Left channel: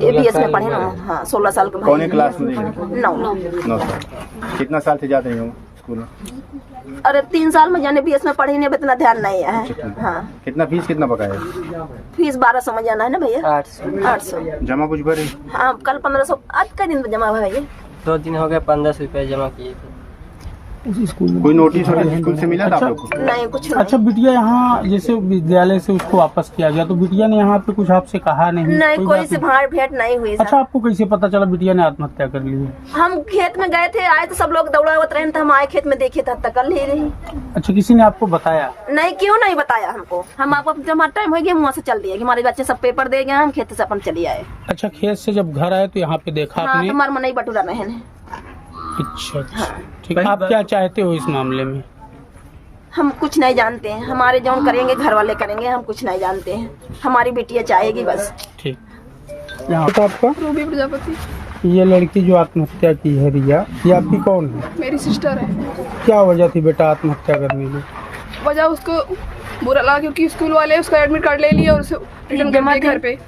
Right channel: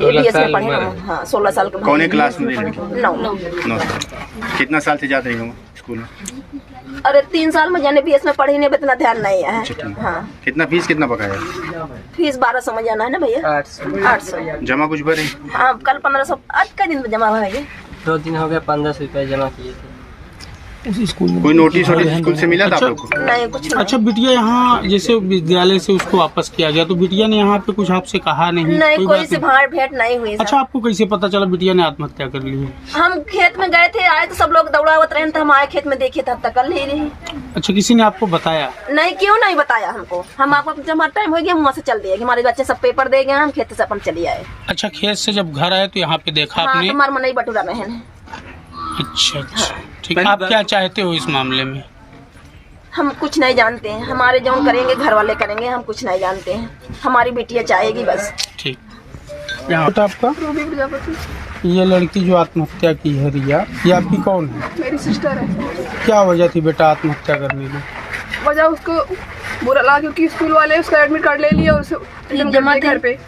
ABS में पढ़े हैं। हाँ 16 साल के। कौन क्लास में? 9 साल। कितना साल से जाते हो स्कूल में? अरे 3 साल में जाने BS में पढ़ी नहीं, इतना ध्यान नहीं है। हाँ कितना फीस कितना बकाया? फीस 1200 में जाना है ना भैया। 800 जमा कुछ भरे? हाँ कल 1500। आज का दिन जमा भरेंगे। 2 दिन हो गए, 1500 रुपये जमा किए थे उसी स्कूल में। कोई नोटिस स्कूल से मिला था आप लोग को? नहीं कुछ नहीं। अच्छा बिटिया यहाँ जैसे विद्यालय से उसको वापस किया गया तो बिटिया ने यहाँ पे कुछ आपसे कहा नहीं? नहीं कोई बात से भाड़ भेंट नहीं हुई। अच्छा आपको कैसे पता चला बिटिया ने आत्महत्या कर ली है? हम खेत में गए थे, आए तो सब लोग दौड़ावत रहे तो हम आए खेत में देखे तब तक कर नहीं रही। अच्छा किसी ने आपको बताया? नहीं क्यों नहीं बताया हमको। हम आपको जब हमारा टाइम हो गया हम वहाँ से चल दिए, हमारे बच्चे सब पेपर दे गए, हम खेत से अपन चले आए। अच्छा खेत से जब घर आए तो यहाँ पे देखा आपने? हमारे मनई बटूरा में है। अच्छा ठीक है। आप क्या चाहते हो इस मामले में? हम कुछ नहीं जानते हैं, हमारे जो करेंगे घर वाले करेंगे, हम कुछ नहीं जानते हैं। हमारी बेटियाँ चाहेगी बस। ठीक। यहाँ तो आपका रूबी प्रजापति। ये लड़की जो आत्महत्या की है रिया, ये आपकी कौन है? मेरी सिस्टर है। क्या वजह थी बेटा आत्महत्या करने की? वजह उसको बुरा लगा क्योंकि स्कूल वाले उसका एडमिट कार्ड ले लिया और उसे जमा घर पे।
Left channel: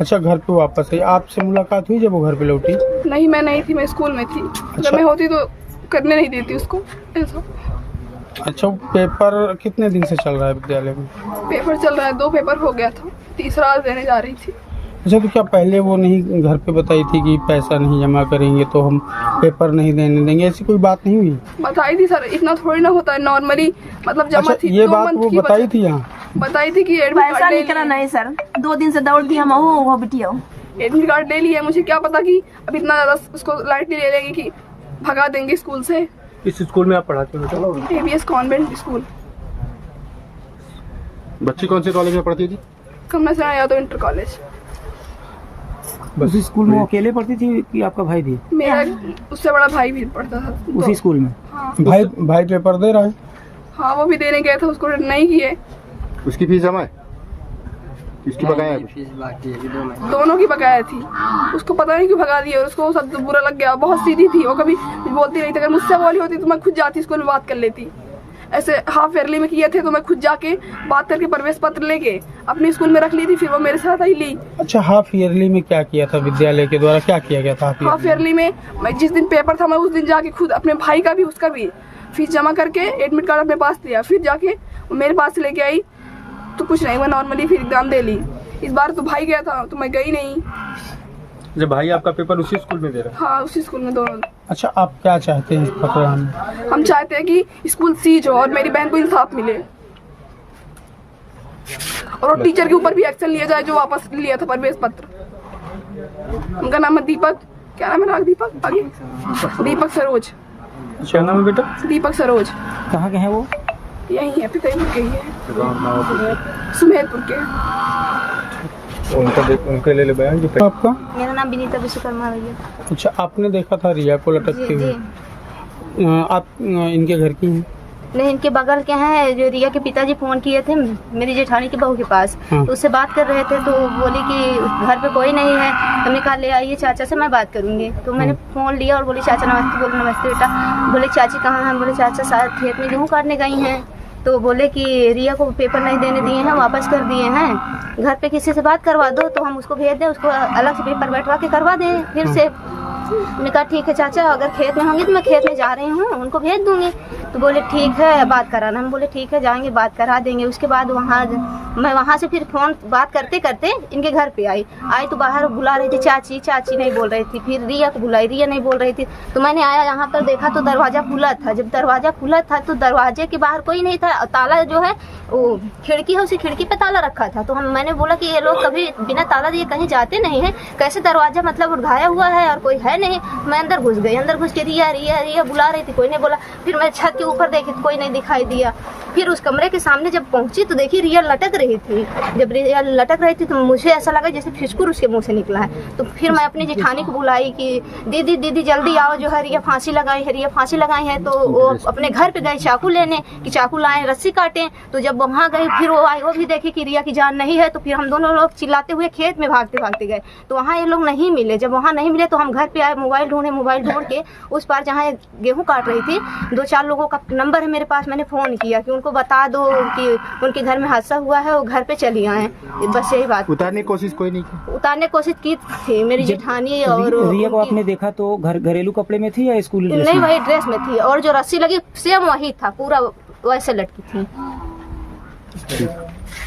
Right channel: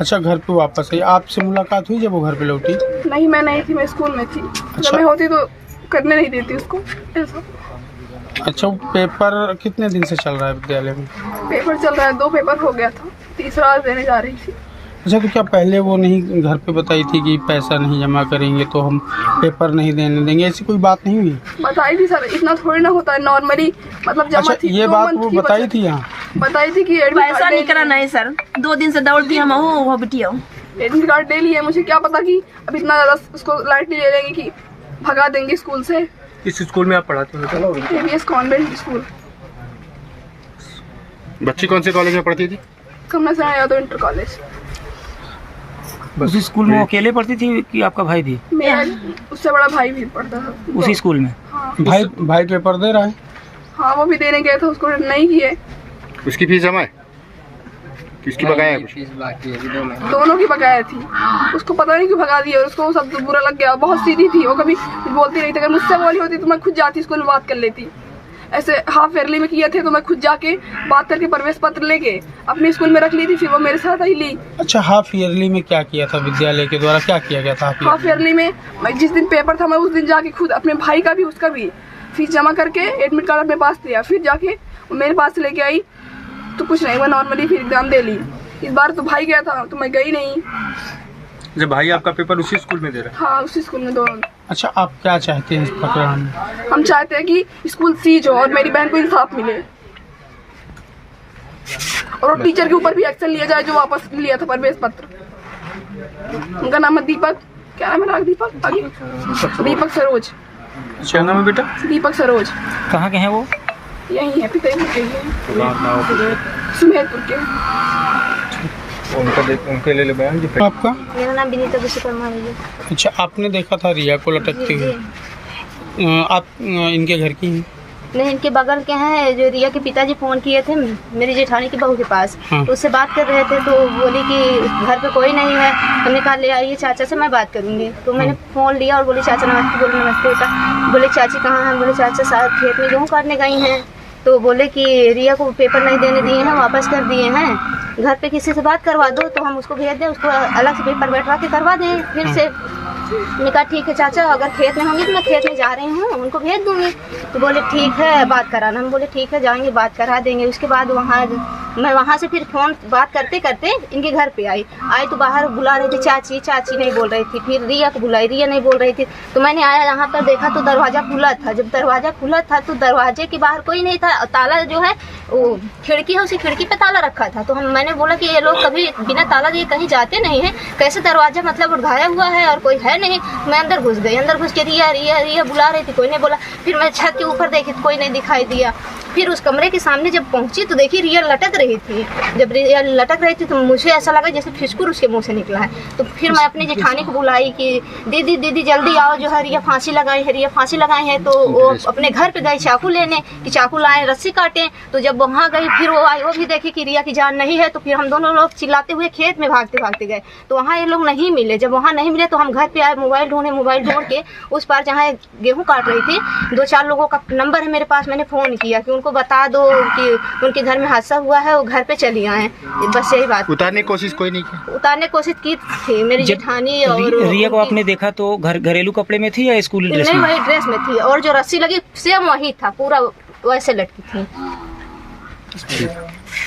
अच्छा घर पे वापस आई, आपसे मुलाकात हुई जब वो घर पे लौटी? नहीं मैं नहीं थी, मैं स्कूल में थी। जब मैं होती तो करने नहीं देती उसको ऐसा। अच्छा वो पेपर कितने दिन से चल रहा है विद्यालय में? पेपर चल रहा है, 2 पेपर हो गया था, तीसरा आज देने जा रही थी। अच्छा तो क्या पहले वो नहीं घर पे बताई थी कि पैसा नहीं जमा करेंगे तो हम पेपर नहीं देने देंगे, ऐसी कोई बात नहीं हुई? बताई थी सर, इतना थोड़ी ना होता है नॉर्मली, मतलब जमा अच्छा थी। ये बात वो बताई थी यहाँ? बताई थी कि पैसा नहीं करा। नहीं सर 2 दिन से दौड़ती हम वो बिटिया एडमिट कार्ड ले लिया। मुझे क्या पता कि अब इतना ज्यादा उसको लाइटली ले लेंगे कि भगा देंगे स्कूल से। किस स्कूल में आप पढ़ाते हो? ABS convent school. बच्ची कौन से कॉलेज में पढ़ती थी? कमला सराय यादव इंटर कॉलेज। उसी स्कूल में अकेले पढ़ती थी कि आपका भाई भी? मेरा उससे बड़ा भाई भी पढ़ता था उसी स्कूल में? हाँ। भाई पेपर दे रहा है? हाँ वो भी देने गया था, उसको नहीं किए। उसकी फीस जमा है? किसकी बकाया है? दोनों की बकाया थी। उसको पता नहीं क्यों भगा दिया और उसको सब बुरा लग गया। बहुत सीधी थी वो, कभी बोलती नहीं थी। अगर मुझसे बोली होती तो मैं खुद जाती स्कूल में बात कर लेती। ऐसे हाफ ईयरली में किए थे तो मैं खुद जाके बात करके प्रवेश पत्र लेके अपने स्कूल में रख ली थी, फिर वो मेरे साथ ही ली। अच्छा हाफ ईयरली में क्या किया था विद्यालय के द्वारा, क्या किया गया था? हाफ ईयरली में मैं जिस दिन पेपर था मैं उस दिन जाके खुद अपने भाई का भी उसका भी फीस जमा करके एडमिट कार्ड अपने पास दिया, फिर जाके मेरे पास लेके आई तो कुछ नहीं, मैं नॉर्मली फिर एग्जाम दे ली। इस बार तो भाई गया था तो मैं गई नहीं। जब भाई आपका पेपर उसी स्कूल में दे रहा है? हाँ उसी स्कूल में दोनों। अच्छा आप क्या चाहते हैं इस प्रकरण में? हम चाहते हैं कि स्कूल सीज हो और मेरी बहन को इंसाफ मिले और टीचर के ऊपर भी एक्शन लिया जाए जो वापस लिया था प्रवेश पत्र। उनका नाम है दीपक, क्या नाम है? दीपक आगे दीपक सरोज। क्या नाम है बेटा? दीपक सरोज। कहाँ के हैं वो? यही है पितापुर के ही है, सुमेरपुर के। उनके ले बयान। आपका? मेरा नाम विनीता विश्वकर्मा है। अच्छा आपने देखा था रिया को लटकते हुए? आप इनके घर की हैं? नहीं इनके बगल के हैं। जो रिया के पिताजी फ़ोन किए थे मेरी जेठानी की बहू के पास, तो उससे बात कर रहे थे तो बोली कि घर पे कोई नहीं है। हमने कहा ले आइए चाचा से, मैं बात करूँगी। तो मैंने फ़ोन लिया और बोली चाचा नमस्ते। बोले नमस्ते बेटा। बोले चाची कहाँ हैं? बोले चाचा शायद खेत में गेहूँ काटने गई हैं। तो बोले कि रिया को पेपर नहीं देने दिए हैं, वापस कर दिए हैं। घर पे किसी से बात करवा दो तो हम उसको भेज दें, उसको अलग से पेपर बैठवा के करवा दें फिर से। मैंने कहा ठीक है चाचा, अगर खेत में होंगी तो मैं खेत में जा रही हूँ उनको भेज दूँगी। तो बोले ठीक है बात कराना। हम बोले ठीक है जाएंगे बात करा देंगे। उसके बाद मैं वहाँ से फिर फ़ोन बात करते करते इनके घर पे आई तो बाहर बुला रही थी चाची, चाची नहीं बोल रही थी। फिर रिया को बुलाई, रिया नहीं बोल रही थी। तो मैंने आया यहाँ पर देखा तो दरवाज़ा खुला था। जब दरवाज़ा खुला था तो दरवाजे के बाहर कोई नहीं था। ताला जो है वो खिड़की है, उसी खिड़की पे ताला रखा था। तो मैंने बोला कि ये लोग कभी बिना ताला दिए कहीं जाते नहीं है, कैसे दरवाज़ा मतलब उठाया हुआ है और कोई है नहीं। मैं अंदर घुस गई। अंदर घुस के रिया रिया रिया बुला रही थी, कोई नहीं बोला। फिर मैं छत के ऊपर देखी तो कोई नहीं दिखाई दिया। फिर उस कमरे के सामने जब पहुंची तो देखी रिया लटक रही थी। जब रिया लटक रही थी तो मुझे ऐसा लगा जैसे फिसकुर उसके मुंह से निकला है। तो फिर मैं अपनी जेठानी को बुलाई कि दीदी दीदी जल्दी आओ, जो है रिया फांसी लगाई है, रिया फांसी लगाई है। तो वो अपने घर पे गई चाकू लेने कि चाकू लाएं रस्सी काटें। तो जब वहाँ गई फिर वो आई, वो भी देखी कि रिया की जान नहीं है। तो फिर हम दोनों लोग चिल्लाते हुए खेत में भागते भागते गए तो वहाँ ये लोग नहीं मिले। जब वहाँ नहीं मिले तो हम घर पे आए, मोबाइल ढूंढ के उस पार जहाँ गेहूँ काट रही थी 2-4 लोगों का नंबर है मेरे पास। मैंने फ़ोन किया कि उन उनको बता दो कि उनके घर में हादसा हुआ है, वो घर पे चली आए। बस यही बात। उतारने की कोशिश कोई नहीं की? उतारने की कोशिश की थी मेरी जेठानी और रिया को आपने देखा तो घरेलू कपड़े में थी या स्कूल ड्रेस नहीं, में? वही ड्रेस में थी और जो रस्सी लगी सेम वही था, पूरा वैसे लटकी थी। ठीक।